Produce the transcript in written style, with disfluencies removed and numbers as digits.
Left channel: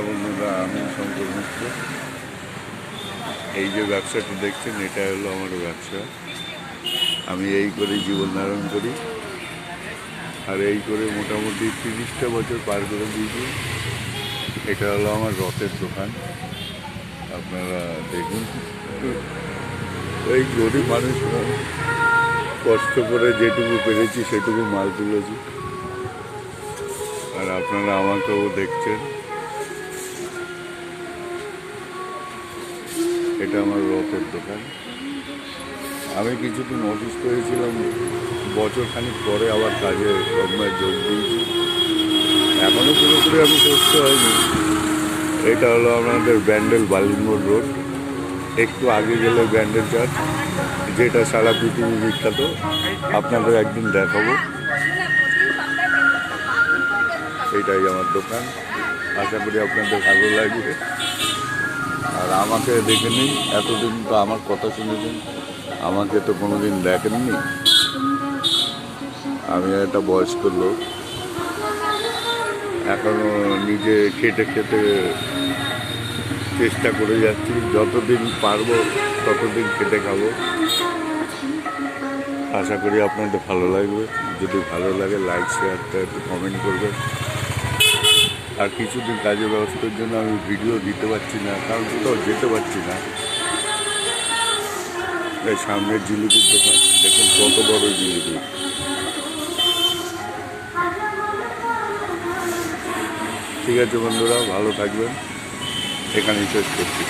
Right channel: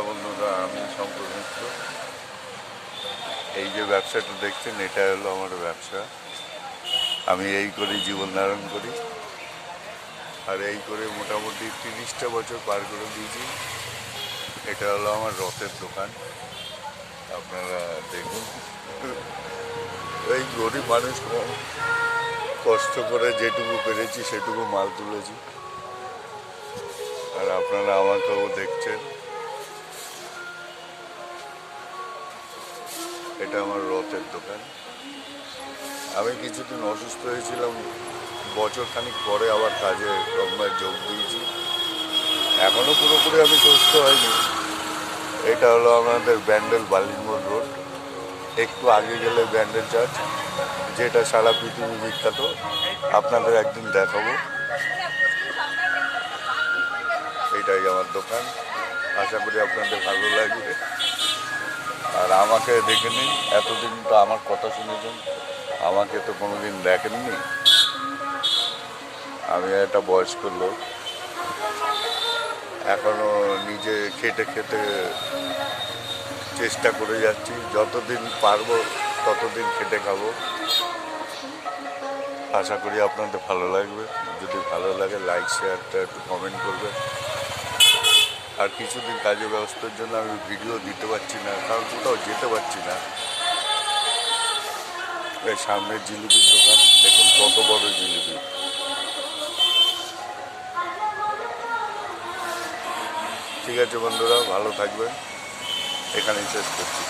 নমস্কার বন্ধুরা, আমি শঙ্কর মিত্র। এই যে ব্যবসাটা দেখছেন, এটা হলো আমার ব্যবসা। আমি এই করে জীবন ধারণ করি, আর এই করে মোটামুটি 30টা বছর পার করে দিয়েছি। এটা হলো আমার রথের দোকান, আপনারা দেখুন। এই গরিব মানুষ কষ্ট করে যেটুকু পেরেছি সেটুকু মাল তুলেছি, আর আপনারা আমাকেও দেখছেন। এটা আমার রথের দোকান। আমি কিছুদিন অসুস্থ হয়েছিলাম, বছর খানিক পরে আবার কাজে কর্মে যোগ দিয়েছি। এখনও পুরোপুরি আমি সুস্থ হয়নি। এটা হলো আমাদের ব্যান্ডেল বালিনমোড় রোড, একটু আগে গেলে ব্যান্ডেল চার্চ, যেটা সারা পৃথিবী বিখ্যাত। আপনাদের একদিন দেখাবো। এটাই আমার দোকান, আশা করি আপনাদের ভালো লাগবে। আর আমাকে দেখে নিন, এতদিন তো আমার কথা শুনেছেন, আমাকে তো কোনোদিন দেখেননি। আমি একটা বয়স্ক লোক, এখনো নিজে খেটে খেটে চেষ্টা করে যাচ্ছি। যতদিন পারবো ততদিন খেটে খাবো। আশা করি আপনাদের ভালো লাগবে। যদি ভালো লাগে লাইক শেয়ারটা একটু কমেন্ট করবেন। আর কিছুদিন কাজের ব্যবস্থার জন্য আমি ভিডিও দিতে পারছি না, কারণ কোথাও যেতে পারছি না। এই সামনের জিলিপির দোকান দেখুন, কত বড় জিলিপি। ঠিক আছে বন্ধুরা, ভালো থাকবেন। এখানেই শেষ করছি।